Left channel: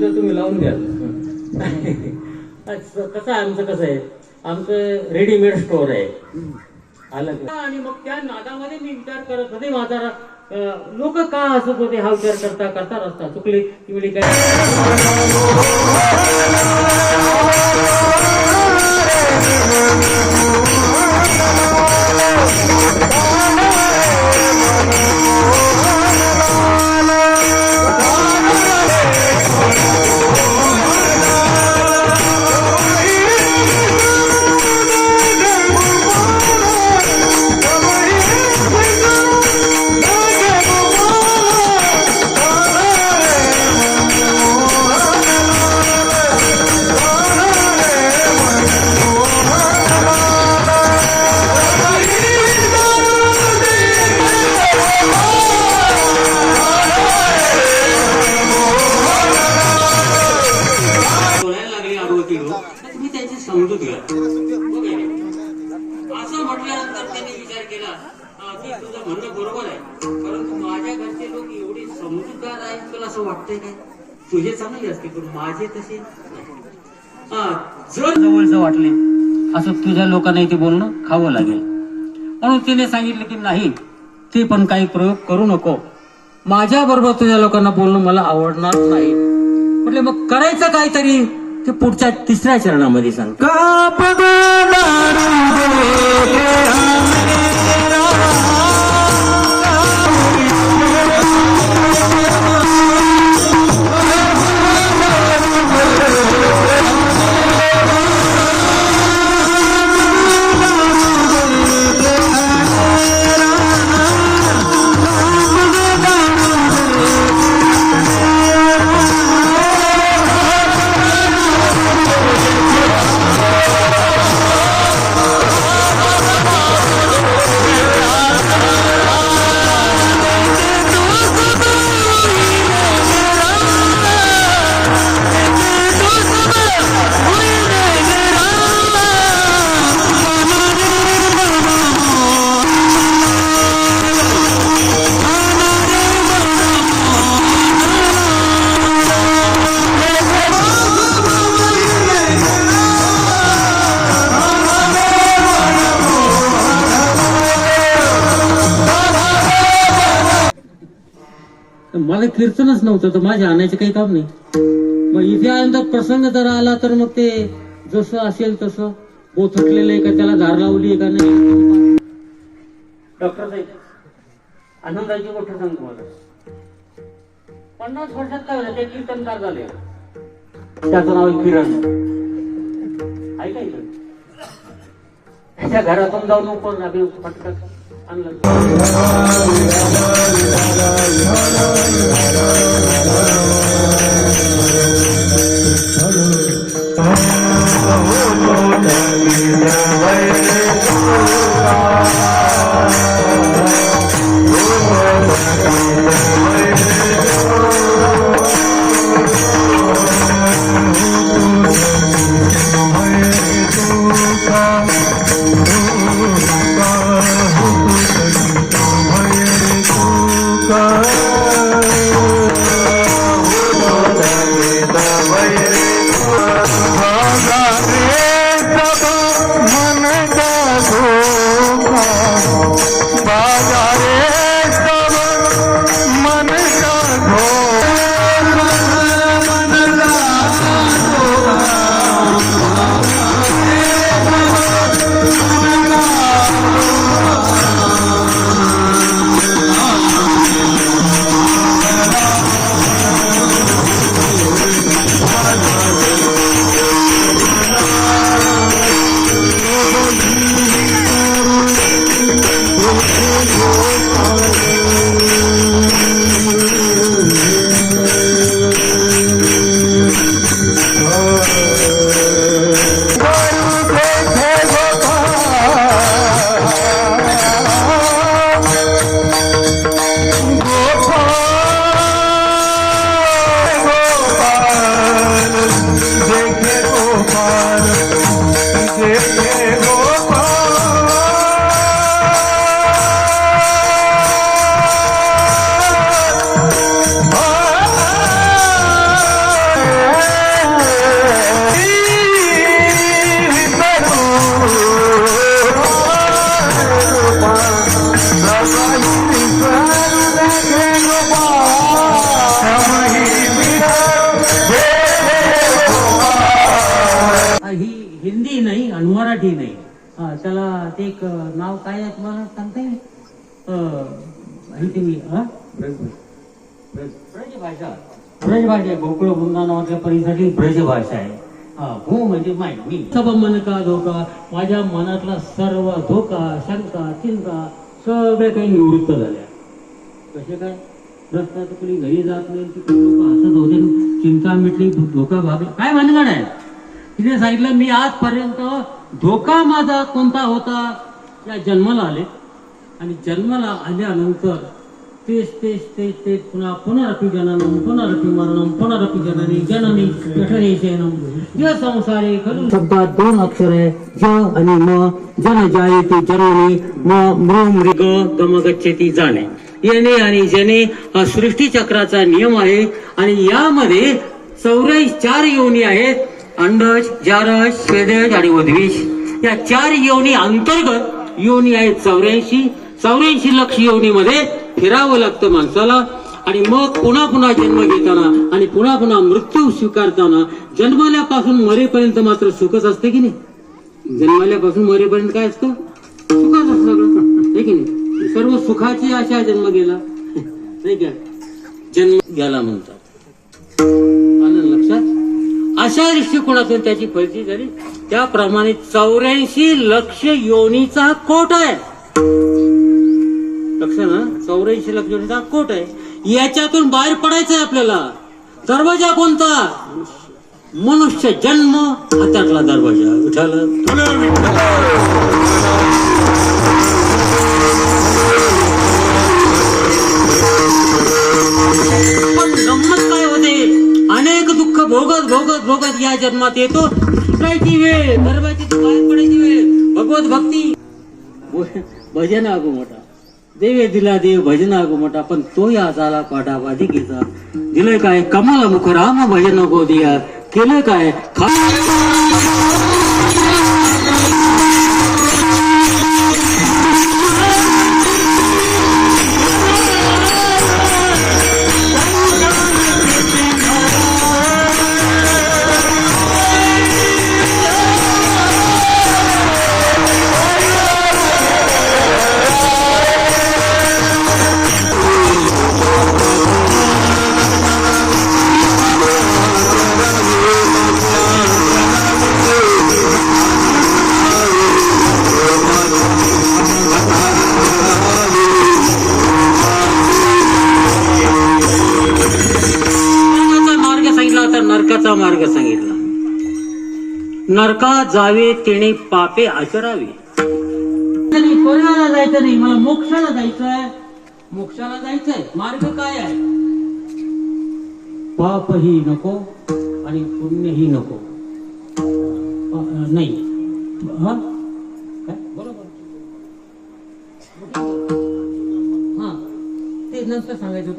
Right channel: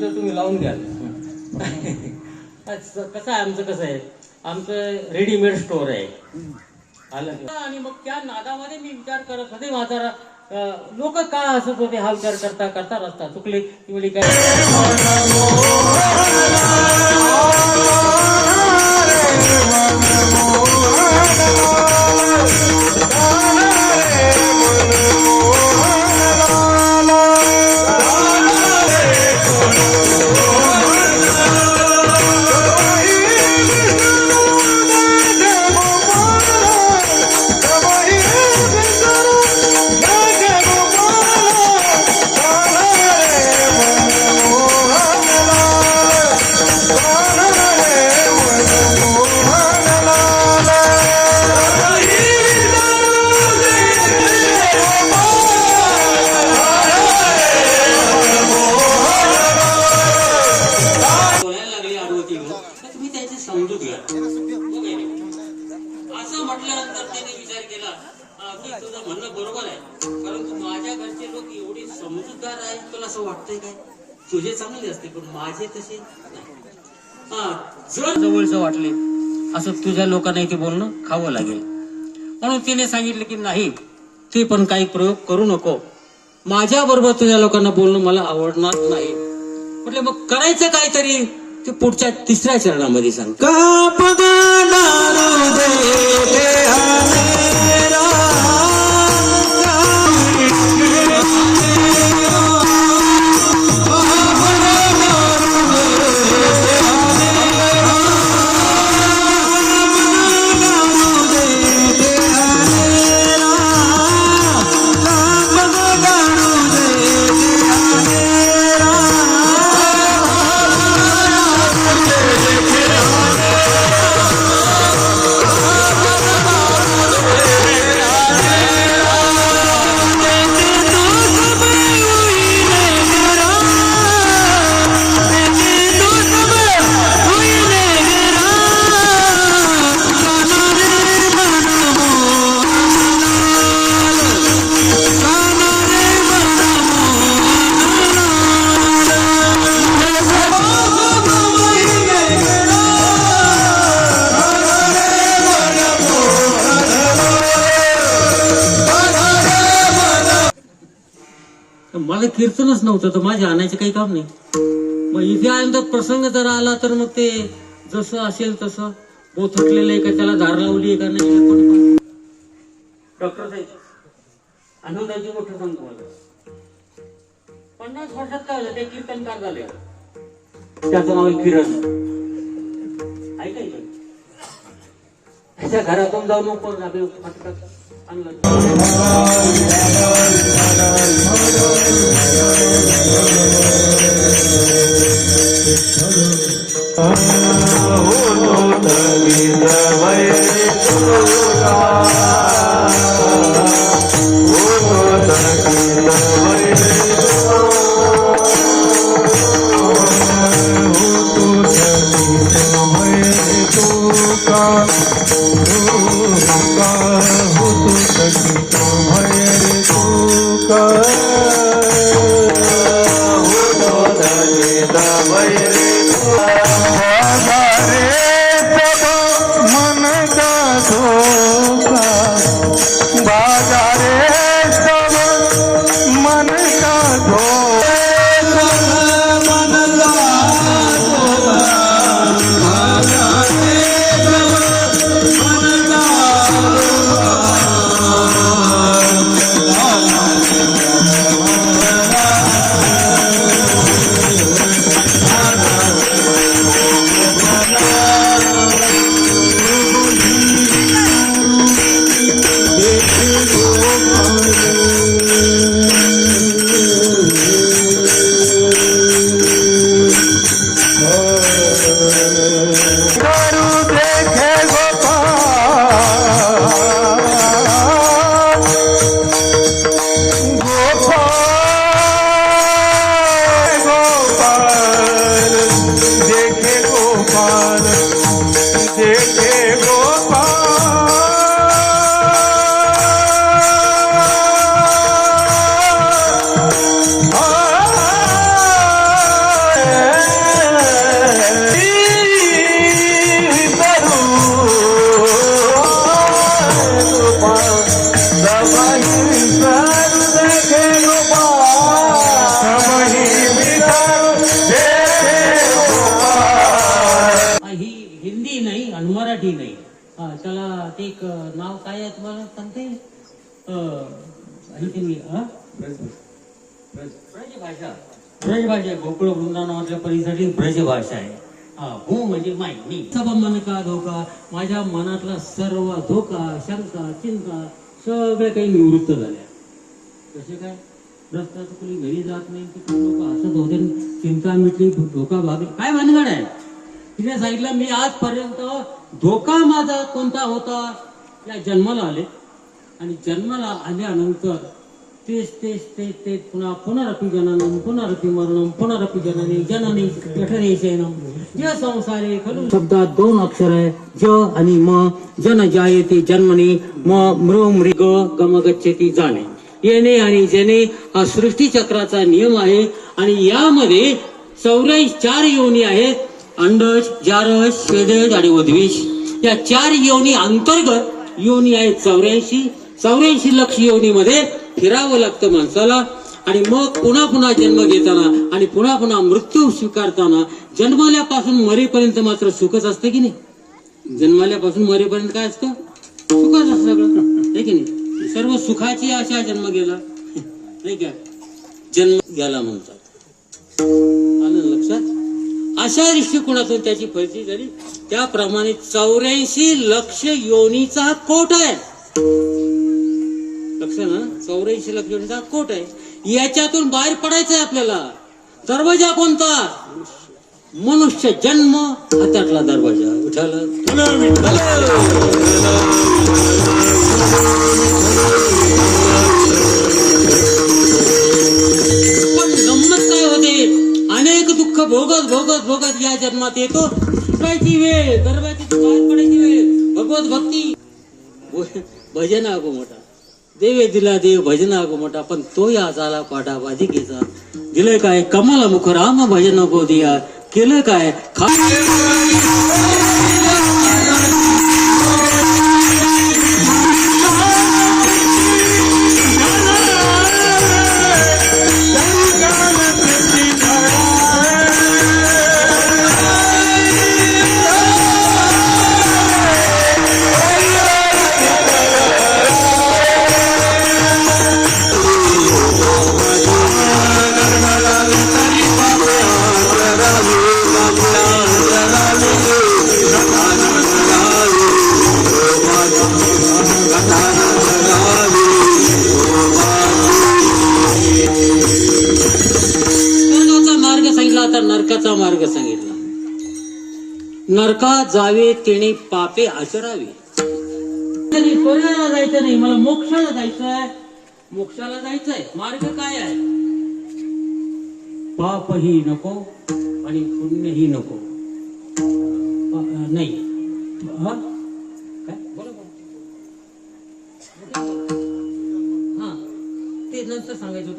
तर तुम्ही लावून द्या. कसं आहे आमचं, कसं आहे आमचं रेडीमेड स्टोअर आहे आलं. आणि मग त्या नादामध्ये मी विचार करत होते माझा लोक का असत होते हा विचार करता करता रस्ता चुकली ती वेळी काय समजूत घ्या. असं म्हटल्यानंतर त्यांनी विचार केला की तुझं म्हणणं बरोबर आहे, परंतु माझ्या घरचे लोक एवढे समजूतदार आहेत तुला असं वाटतंय काय? तुझे चांगले असते पण माझे तसे जर जवळचं वाटले असं तुझ्या लोकांना इथे बोलणं खावं लागेल. म्हणून तिने सांगितलं की नाही ते पण काही प्रयोग करू नको, माझ्या बरोबर तुझ्या लोकांना बोलणं मला आवडणार नाही. म्हटले मग करायचं काहीतरी ते पुढच्या 3ऱ्या चरणामध्ये सांगतो. मला कीर्तनच नव्हतं तर माझ्या आणायचं काही काम नाही. मग इथे आनंदात प्रसंग जर आला तर मग ते जसं असेल तसं बोथटलेलं आहे का त्याला धार लावली आहे का नाही. डॉक्टर साहेब आनंदाची गोष्ट सांगतो मला. 50 वर्षात काय झालं ते कीर्तनकार झाले, त्याचं नाव किरण. ऐकायचं त्याच्या घरातून जाऊन पण आपलं फटका आणलं. Oh आणि मराठी नाही. त्याला ते एक नाव काय आहे तुम्हाला सांगता येईल? तुम्ही ब्रजभाषा. ब्रजभाषा गोकुळ वृंदावनाच्या परिसाठी ब्रजभाषा आहे. हो म्हणजे माय मी सब मन का धोका, माझ्या मनातला सर्व धोका, शंका, चिंता सगळ्या काही निवृत्त झाल्या. कसे काय? रस्त्यात कुणी घरी जात नाही, लोक हसत होते, चिंता मिटली, धोका भागला. काय भानगड आहे? तिने सांगितलं मी आजपर्यंत धोका माझा कोणता होता? या जन्माला आले आणि जन्माला आल्यानंतर तेच तेच तेच तेच पुन्हा पुनरपि जननम पुनरपि मरणम पुनरपि जननी जननी जठरे शयनम. या संसारे खरं शब्दात दोन अक्षर आहे, ज आणि म. जन जायते जन्मनी, मृ मृग गम गच्छति जाणे. येणे आणि जने हा सृष्टी चक्राचा नियम आहे आणि यामध्ये 4 योनी आहेत. अंडज, जारज, स्वेदज आणि उद्विष. या 4 योनी अंतर्गत योनी आहेत 84 लक्ष योनीमध्ये फिरावं लागतं माणसाला. आणि मग पुन्हा पुन्हा जन्म घेताना आणि पुन्हा पुन्हा मृत्यू स्वीकारताना जन्माल्यापासून मरेपर्यंत मात्र सुखच असते की नाही? जन्माल्यापासून मरेपर्यंत काय असतं? सुखच असतं सगळं, आहे की नाही? सर्व सुखाची आशा जन्म गेला, नाही का? जन्म गेला म्हणतात. आलं लक्षात? अशा दृष्टिकोनातून त्याची फळती झाली. त्याप्रमाणे 84 लक्ष योनीचा कोट आहे. लक्ष ना, 84 लक्ष योनीचा कोट आहे. याच्यातून बाहेर पडायचं आहे आपल्याला. दरवाजा कोणता? मनुष्य जन्म हा त्यातला दरवाजा. विठ्ठल पण गंमत काय होते? अनेक दुःख भोगत भोगत भोगत या जन्मात येतो. सुटायची वेळ, दरवाजाची बाहेर पडायची वेळ. भगवत भक्ती, भजन आगो मोठा, देवे दिला देव भजन आगो मोठा. पण तो या झाला पाठाबाधिकेचा. दिलंय काय? कमल मुख राम भजन नको दिया. केलं काय? नरकाचा मार्ग सांगितला. नरकात जावे तेने पापे आचरावे. कोणाला जायचं नाही, मला मोक्षाला जायचंय. मोक्षाला जायचंय, मार्ग काय आहे? पापही नको आणि पुण्यही नको. नाही काय बरोबर? हा, ते नंतर सांगायचं होतं.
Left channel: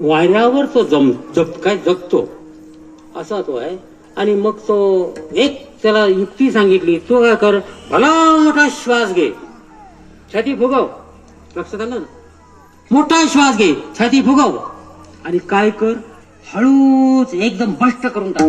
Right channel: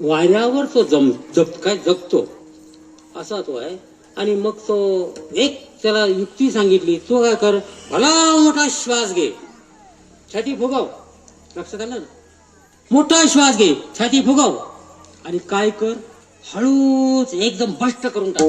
वाऱ्यावर तो जगतो असा तो आहे. आणि मग तो एक त्याला युक्ती सांगितली. तो काय कर, भला मोठा श्वास घे, छाती फुगव. लक्षात आलं ना? मोठा श्वास घे, छाती फुगव आणि काय कर, हळूच एकदम भष्ट करून टाक.